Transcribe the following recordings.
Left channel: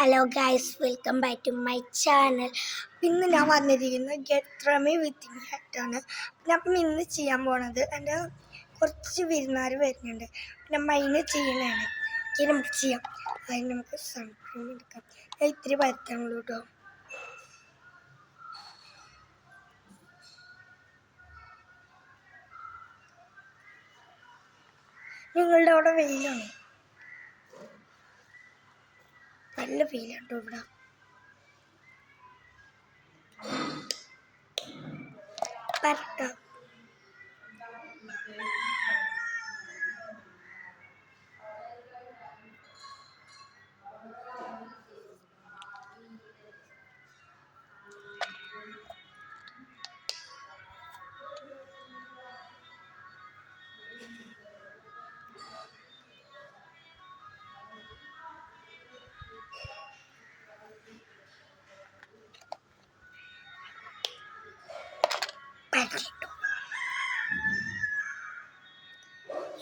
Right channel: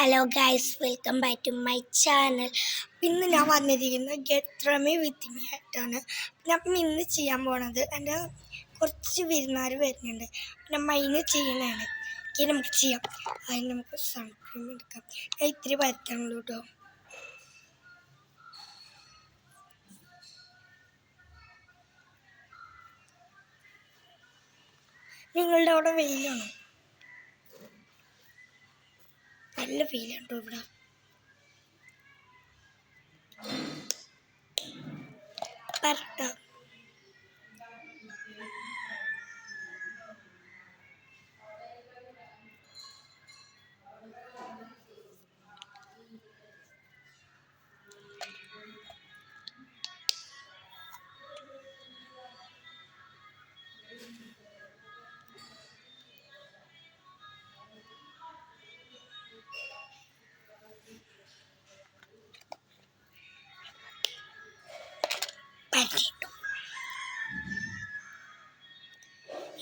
Hello guys, welcome back to my channel. ഇന്ന് ഞാൻ വന്നിരിക്കുന്നത് ഗെറ്റ് റെമി വിത്ത് മീ ആയിട്ടാണ്. അപ്പം ഇന്ന് ചെയ്യാൻ പോണത് എൻ്റെ കുറച്ച് വിരുന്നുകാർ വരുന്നുണ്ട്. അപ്പം മൈന് ചെയ്യണതാണ്. നമുക്ക് ചെയ്യാം. അതിന് നമുക്ക് സൺക്രീം എടുക്കാം. ഞാൻ ഇത്തിരി പരത്താനുള്ളൂ കേട്ടോ. നിങ്ങളുടെ അവിടെ വെയിലാണ്, നല്ല വെയിലുണ്ടോ ഇവിടെ? പരട്ടാം.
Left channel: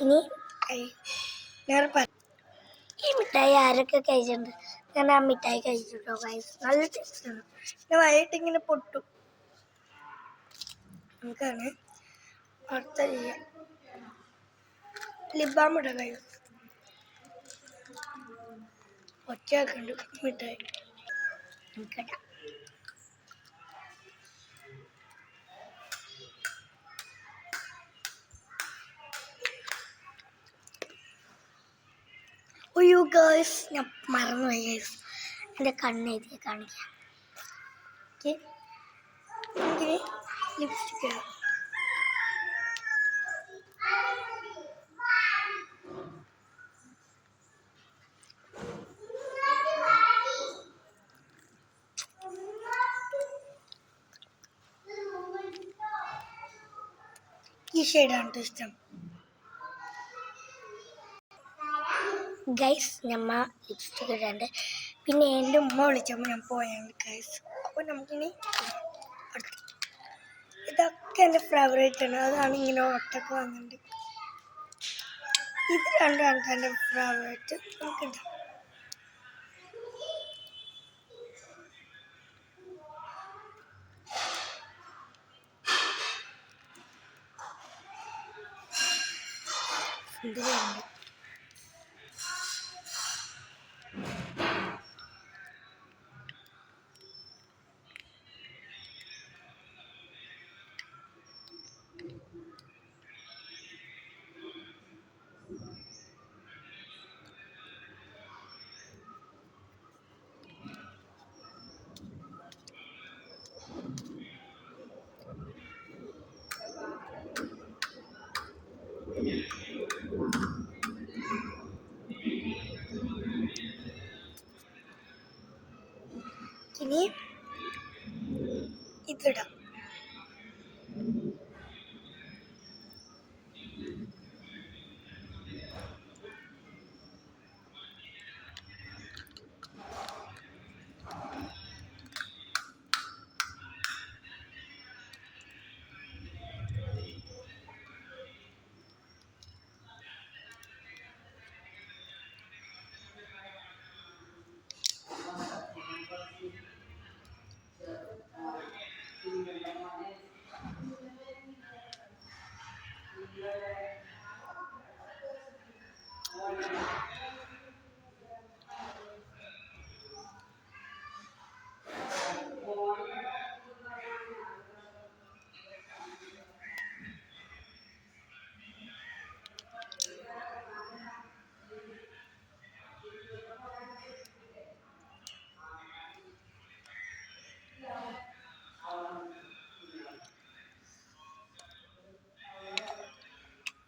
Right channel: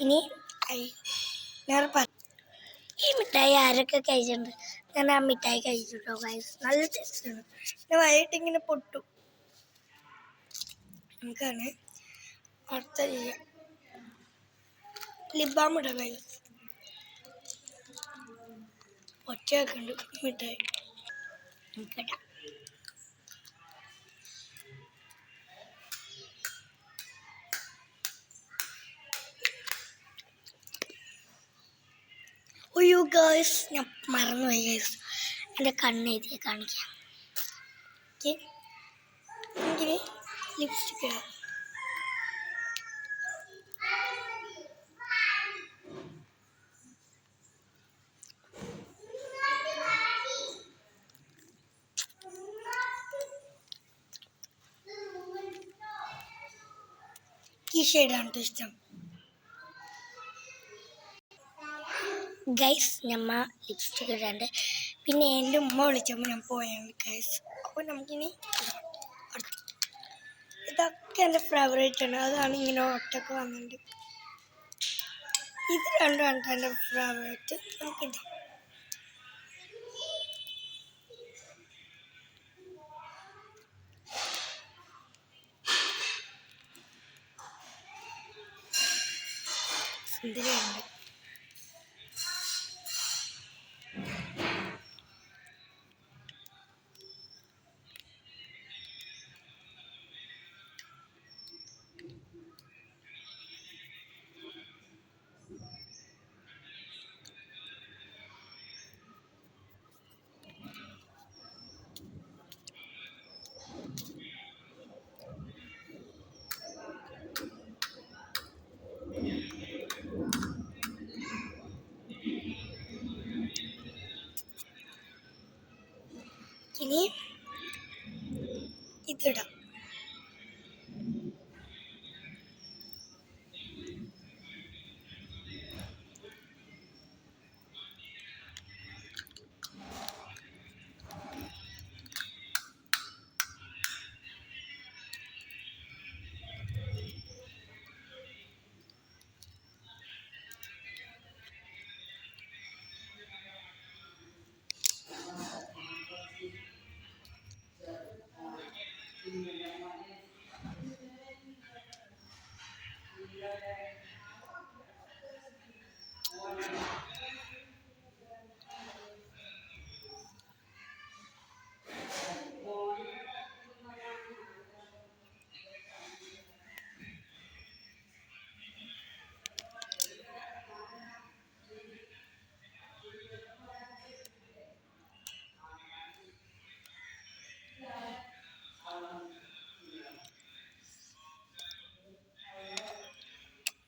ഇനി ഈ മിഠായി ആരൊക്കെ കഴിച്ചിട്ടുണ്ട്? ഞാൻ ആ മിഠായി കഴിച്ചിട്ടോ ഗൈസ്, നല്ല ടേസ്റ്റാണ്. പിന്നെ വൈകിട്ട് ഇങ്ങനെ പൊട്ടും. നമുക്കാണ് അടുത്ത ചെയ്യാം. ലിബാം ഇടാം ഗൈസ്. ഒറ്റയാക്കുണ്ട് മിഠായി നമുക്കിടാം. ഒയ്യോ ഗൈസ്, ഞാൻ മറന്നുപോയി ഗൈസ്. എൻ്റെ കണ്ണെഴുതി കാണിക്കാം. എനിക്കിനി ലിപ്സ്റ്റിക് ഇടാം. ഈ ഷെയ്ഡാണ് ഇഷ്ടം ഗൈസ്. ഞമ്മ ലിപ്സ്റ്റിക് ഇടാണ്ട്. പിന്നെ എൻ്റെ ഉമ്മ വിളിച്ചപ്പോൾ ഞാൻ പോയാണ് ഗൈസ്. അപ്പോൾ നമുക്കിനി ഇതൊക്കെ എൻ്റെ ഫേവറേറ്റ് ആണ്. അതാണ് ഇങ്ങനെ ഒറ്റക്ക് വന്നിട്ടുണ്ട്. ഇത് രണ്ടാണ് എൻ്റെ ഫേവറേറ്റ്. നമുക്കിടാം. സുന്ദരിയാണ്. ഇനി ഇതിടാം.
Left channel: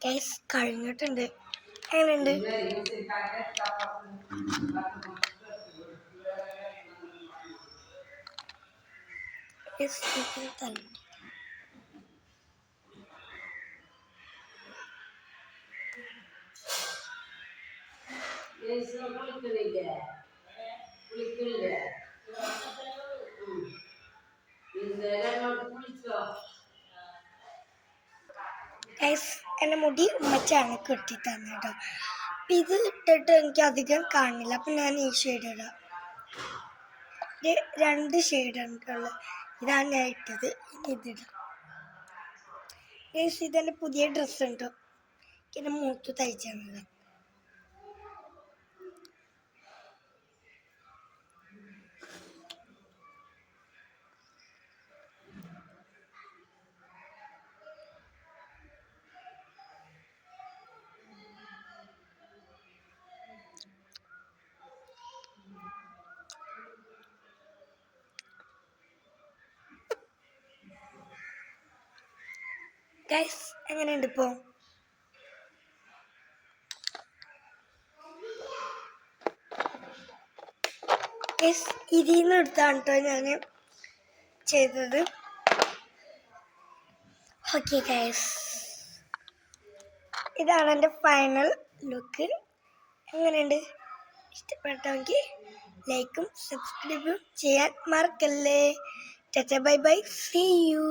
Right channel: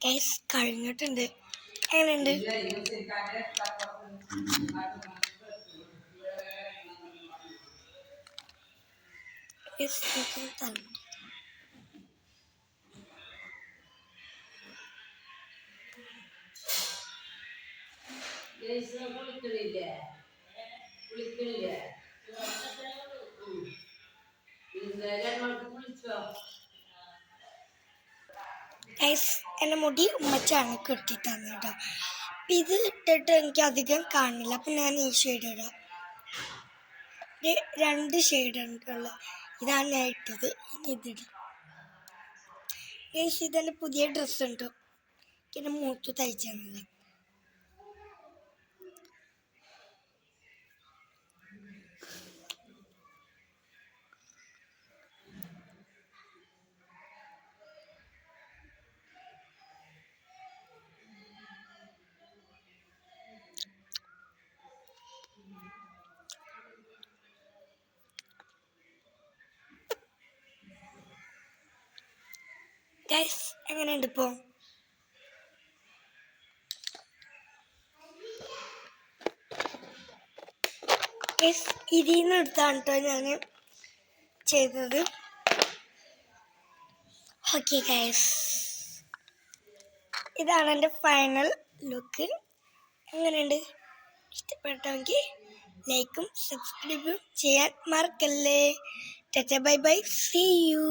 ഗൈസ് കഴിഞ്ഞിട്ടുണ്ട്. എങ്ങനെയുണ്ട്? ഗൈസ്, എൻ്റെ മുടി ഉമ്മച്ചാണ് കെട്ടി തന്നെ കേട്ടോ. അപ്പം ഇത് ഇട്ടിട്ട് എനിക്ക് അധികം കാണില്ല. അപ്പം ഞാൻ ഈ ഷെയ്ഡ് ഇടാം. രണ്ട് ഷെയ്ഡാണ് ഇതാണ് ഞാൻ ഇട്ടത്. ഇനി ഇതിടാം. ഗൈസ് ഇതെൻ്റെ പുതിയ ഡ്രസ്സ് ഉണ്ടോ, പിന്നെ മൂത്ത് തയ്ച്ചു തന്നത്. ഗൈസ് എങ്ങനെയുണ്ട് ഇപ്പോൾ? ഗൈസ് ഇതിൽ നിന്ന് എടുത്താണ് കേട്ടോ ഞാൻ ചെയ്തത്. ഓക്കെ ഗൈസ്, ഇതാണ് എൻ്റെ ഫൈനൽ ലുക്ക്. എങ്ങനെയുണ്ട്? ഇഷ്ടപ്പെട്ടെങ്കിൽ ലൈക്കും സബ്സ്ക്രൈബും ചെയ്യാൻ മറക്കല്ലേ. Tata bye bye, see U.